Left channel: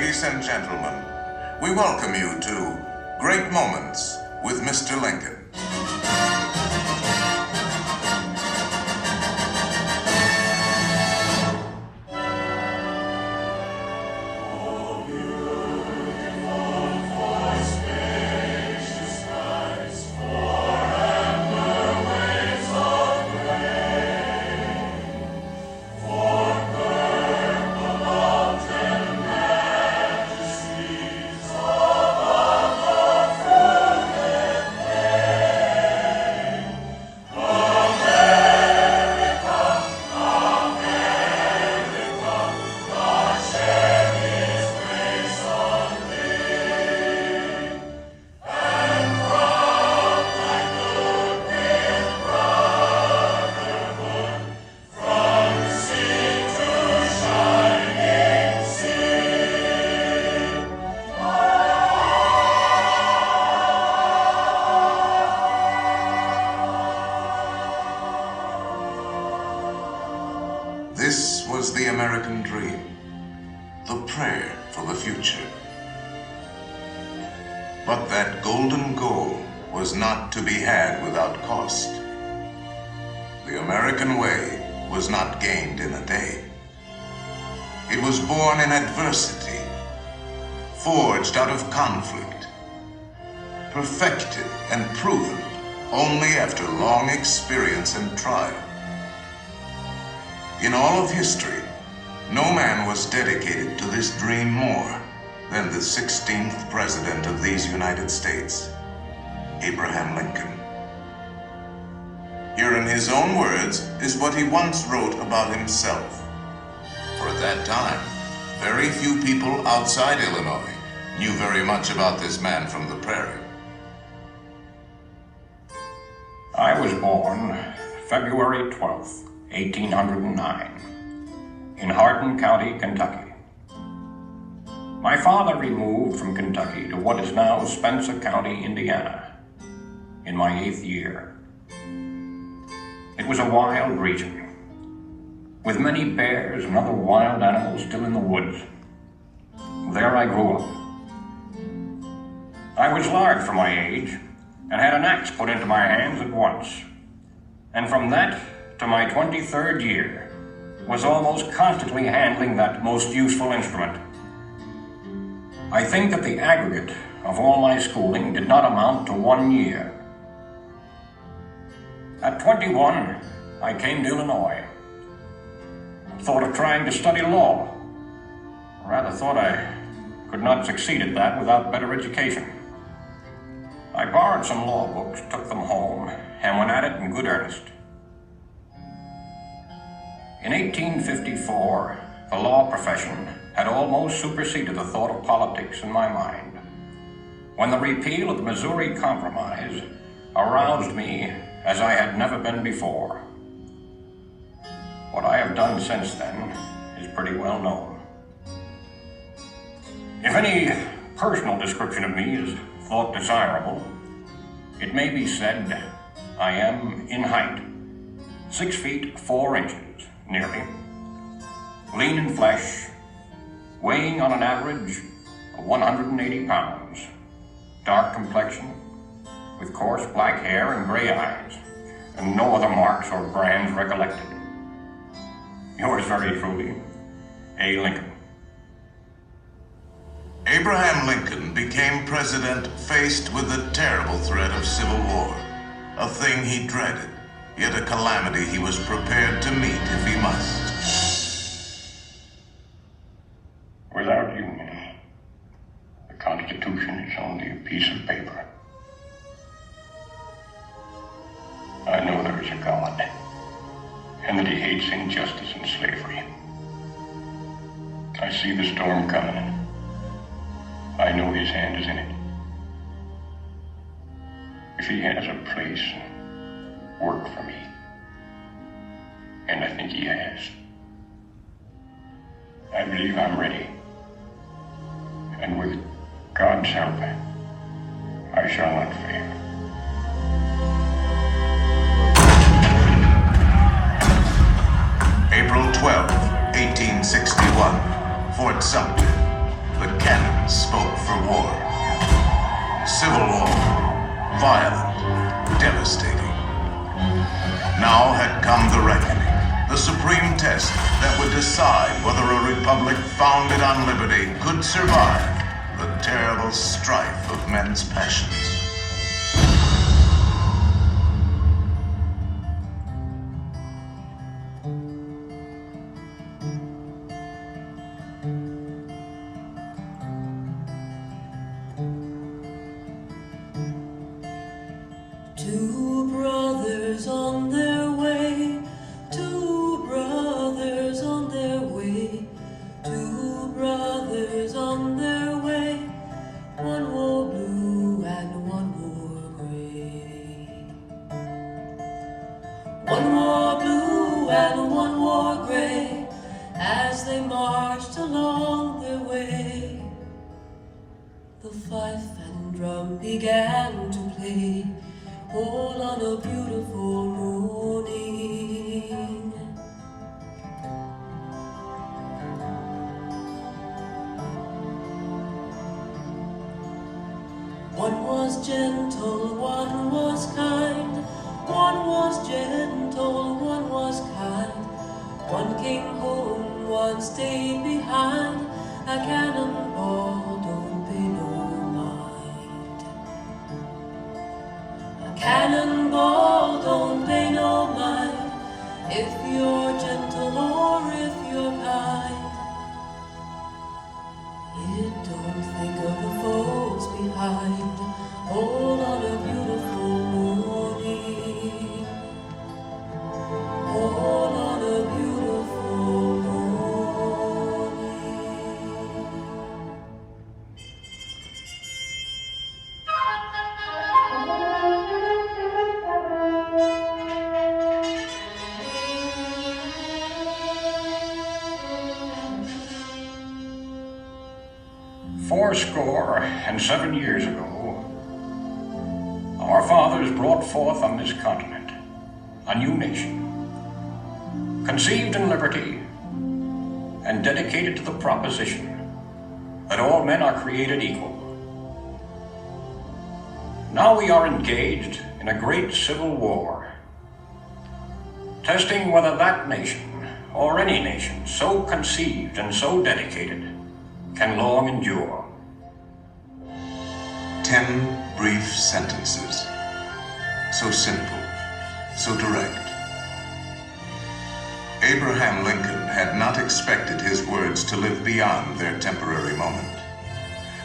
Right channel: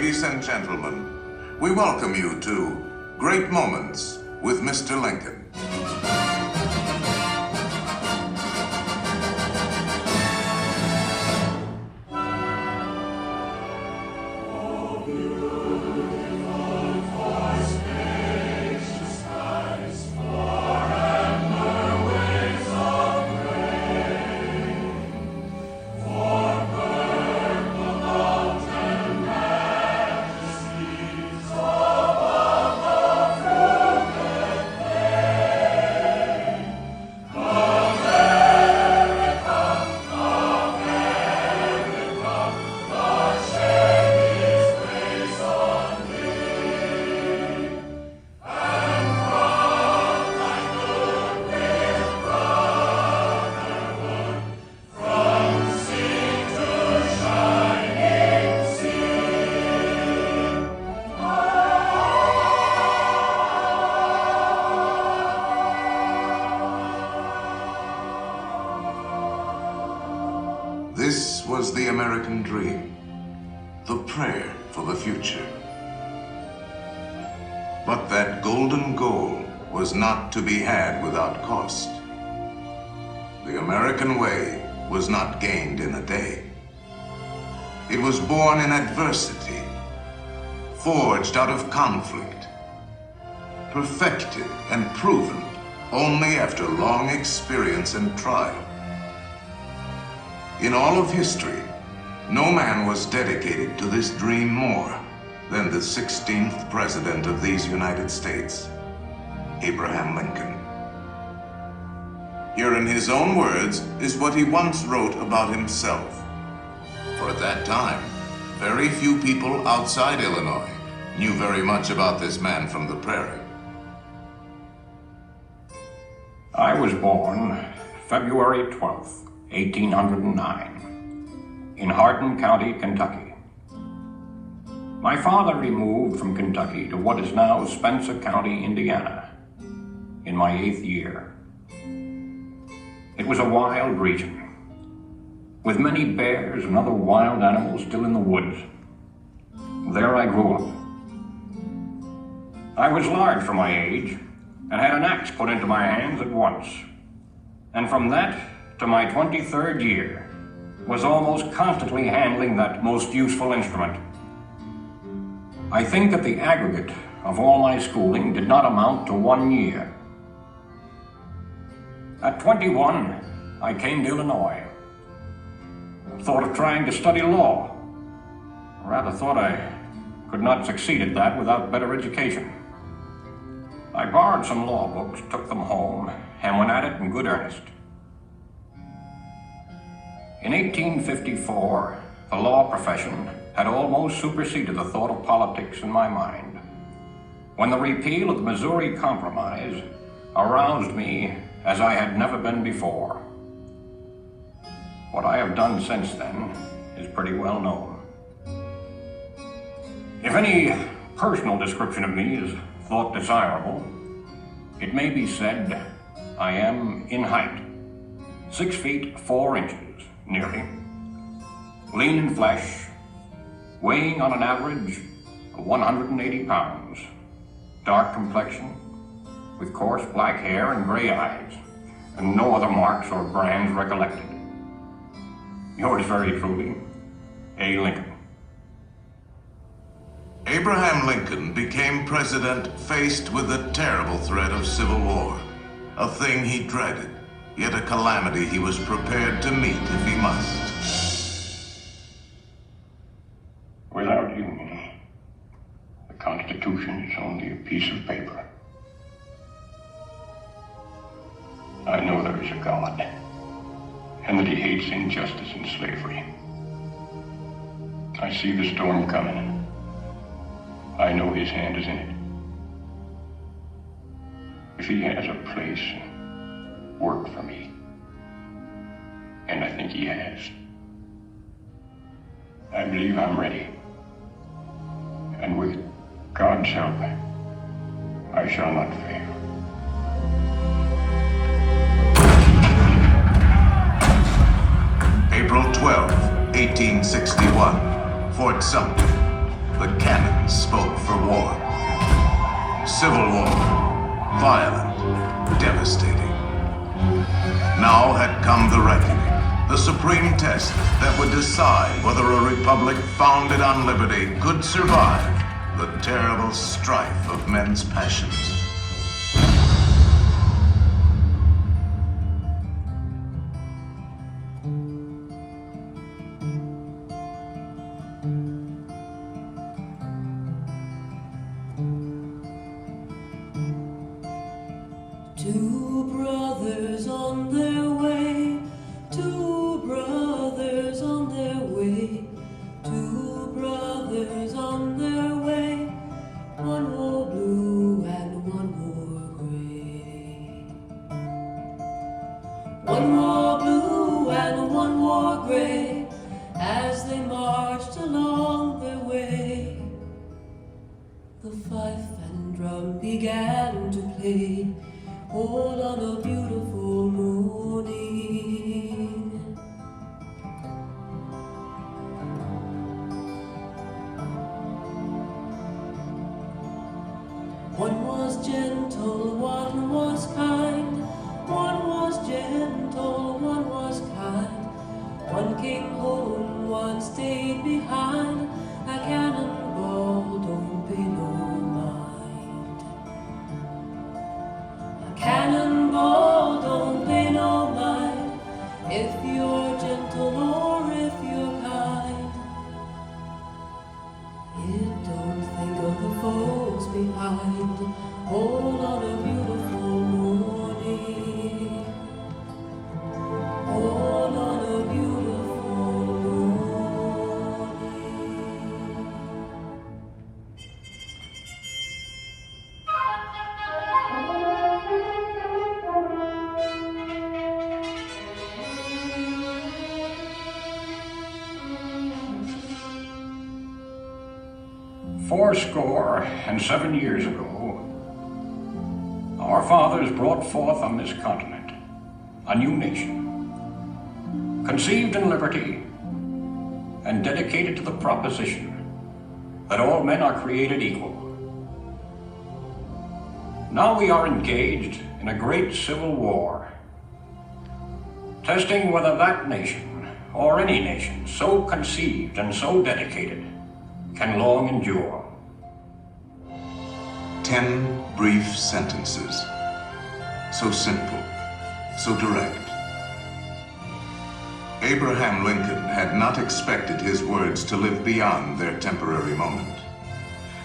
Ladies and gentlemen, we welcome you to Great Moments with Mr. Lincoln. This was the American dream, the prayer for the future. But that golden goal was not to be had without cost. The American way was not gained in a day. It was born in adversity, forged out of conflict, perfected and proven only after long experience and trial. In all of history, no man was dedicated to this dream more than the 16th President of these United States, Abraham Lincoln. Here in his own words is what he once wrote about himself. For at that time, very few people outside Illinois knew very much about this man from the prairie. I was born February 12th, 1809, in Hardin County, Kentucky. My father removed from Kentucky to what is now Spencer County, Indiana, in my 8th year. It was a wild region, with many bears and other wild animals still in the woods. There I grew up. I was large for my age, and had an axe put into my hands at once, and from that to my 23rd year, was almost constantly handling that most useful instrument. I think that the aggregate of all my schooling did not amount to 1 year. At 21, I came to Illinois. Thought of trying to study law. Rather thought I could not succeed at that without better education. I borrowed some law books, took them home, and went at it in good earnest. In 1854, the law profession had almost superseded the thought of politics in my mind, when the repeal of the Missouri Compromise aroused me as I had never been before. What I have done since then is pretty well known. If any personal description of me is thought desirable, it may be said I am in height, 6 feet 4 inches, nearly, lean in flesh, weighing on an average of 180 pounds, dark complexion, with coarse black hair and gray eyes, and no other marks or brands recollected. Yours very truly, A. Lincoln. Abraham Lincoln became president faced with the terrible threat of civil war, a thing he dreaded, yet a calamity he was prepared to meet if he must. Without union, the Constitution is only a piece of paper. I know there is a God, and that he hates injustice and slavery. I see the storm coming. I know his hand is in it. If he has a place, work for me, and I think he has, I believe I'm ready. And with God's help, I shall not fail. April 12, 1861, Fort Sumter, the Now had come the reckoning, the supreme test that would decide whether a republic founded on liberty could survive the terrible strife of men's passions. Two brothers on their way, two brothers on their way, two brothers on their way. One wore blue and one wore gray. One wore blue and one wore gray as they marched along their way. The fife and drum began to play, all on a beautiful morning. One was gentle, one was kind. One was gentle, one was kind. One came home, one stayed behind. A cannonball don't pay no mind. A cannonball don't pay no mind. If you're gentle or if you're kind. It don't think of the folks behind. All on a beautiful morning. All on a beautiful morning. 87 years ago, our fathers brought forth on this continent a new nation, conceived in liberty and dedicated to the proposition that all men are created equal. Now we are engaged in a great civil war, testing whether that nation, or any nation so conceived and so dedicated, can long endure. 10 brief sentences, so simple, so direct. Abraham Lincoln had not expected his words to live beyond their temporary moment,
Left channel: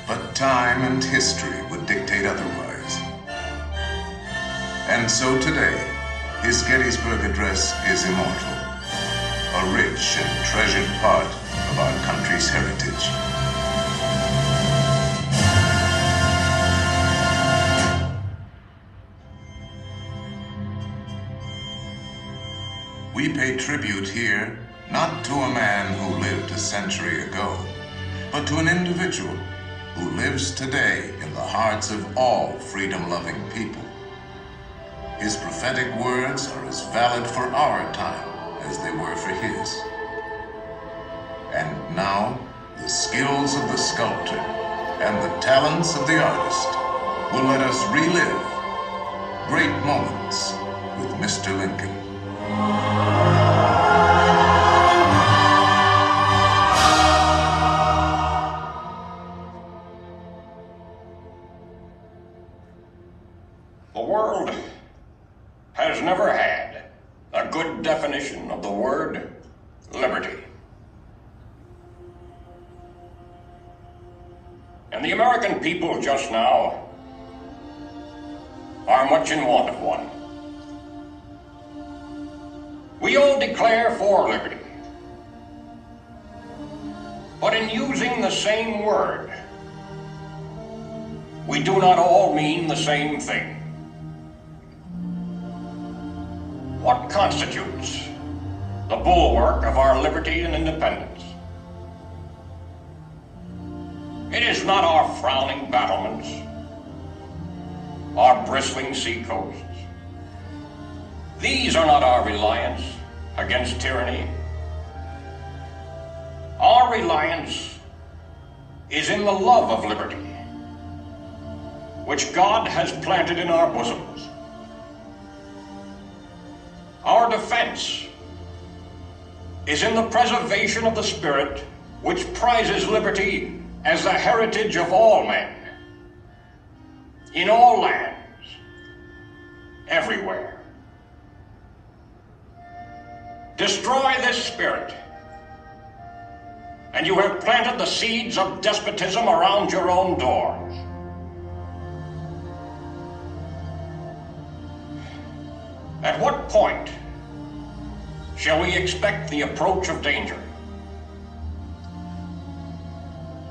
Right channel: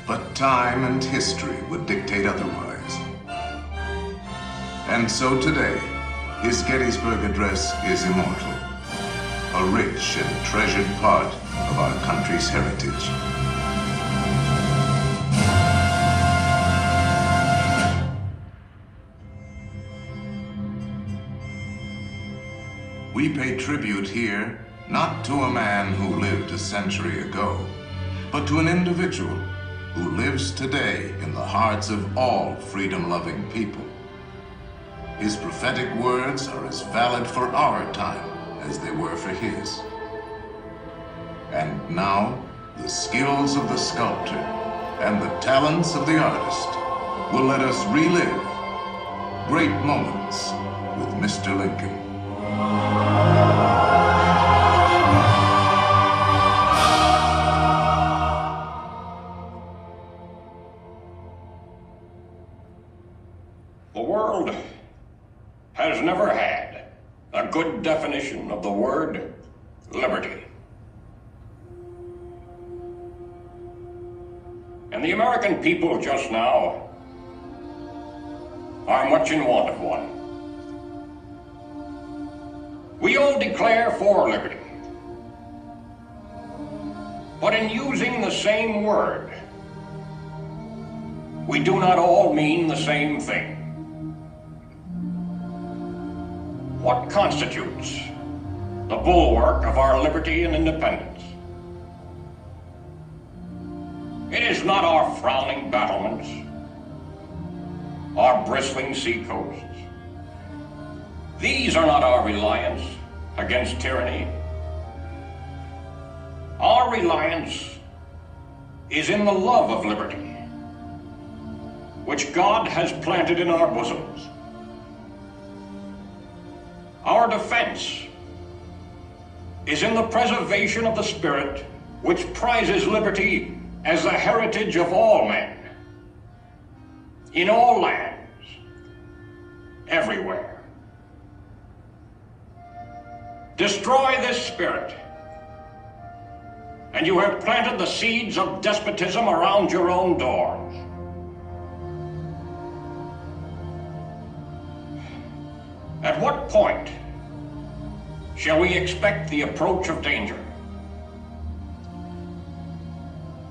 but time and history would dictate otherwise. And so today, his Gettysburg Address is immortal, a rich and treasured part of our country's heritage. We pay tribute here not to a man who lived a century ago, but to an individual who lives today in the hearts of all freedom-loving people. His prophetic words are as valid for our time as they were for his. And now, the skills of the sculptor and the talents of the artist will let us relive great moments with Mr. Lincoln. The world has never had a good definition of the word liberty. And the American people just now are much in want of one. We all declare for liberty, but in using the same word, we do not all mean the same thing. What constitutes the bulwark of our liberty and independence? It is not our frowning battlements, our bristling seacoasts. These are not our reliance against tyranny. Our reliance is in the love of liberty, which God has planted in our bosoms. Our defense is in the preservation of the spirit which prizes liberty as the heritage of all men, in all lands, everywhere. Destroy this spirit, and you have planted the seeds of despotism around your own doors. At what point shall we expect the approach of danger?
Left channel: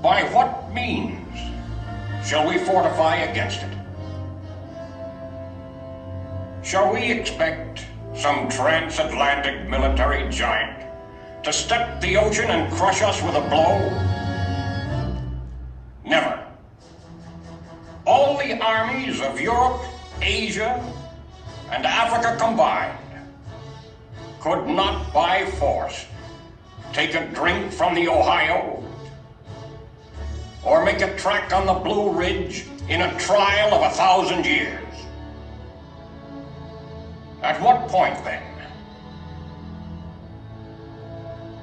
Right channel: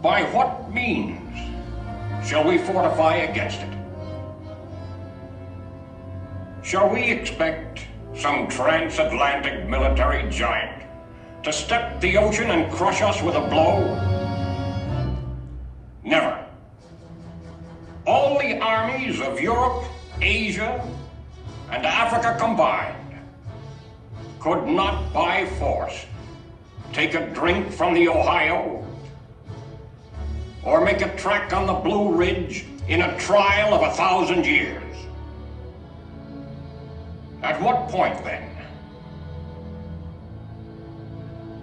By what means shall we fortify against it? Shall we expect some transatlantic military giant to step the ocean and crush us with a blow? Never. All the armies of Europe, Asia, and Africa combined could not by force take a drink from the Ohio or make a track on the Blue Ridge in a trial of 1,000 years. At what point, then,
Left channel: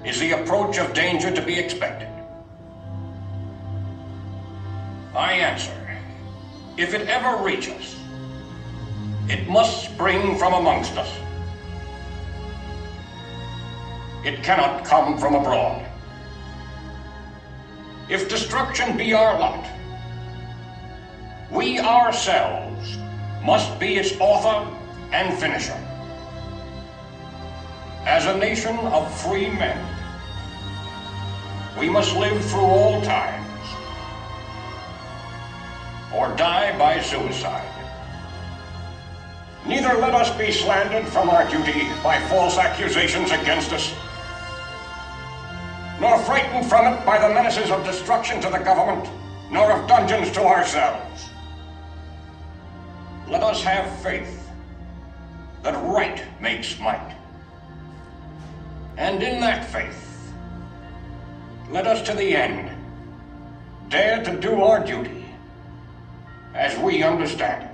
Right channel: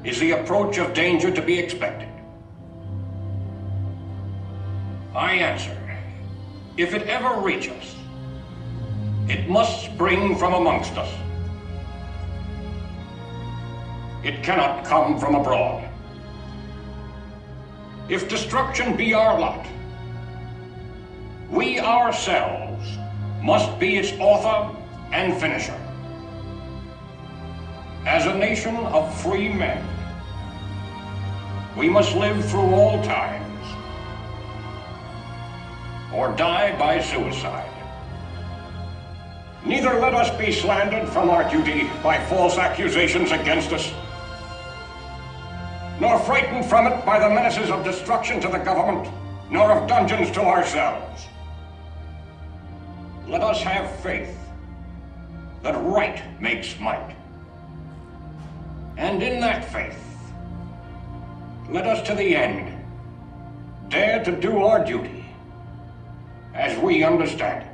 is the approach of danger to be expected? I answer, if it ever reach us, it must spring from amongst us. It cannot come from abroad. If destruction be our lot, we ourselves must be its author and finisher. As a nation of free men, we must live through all times, or die by suicide. Neither let us be slandered from our duty by false accusations against us, nor frightened from it by the menaces of destruction to the government, nor of dungeons to ourselves. Let us have faith that right makes might. And in that faith, let us to the end dare to do our duty as we understand it.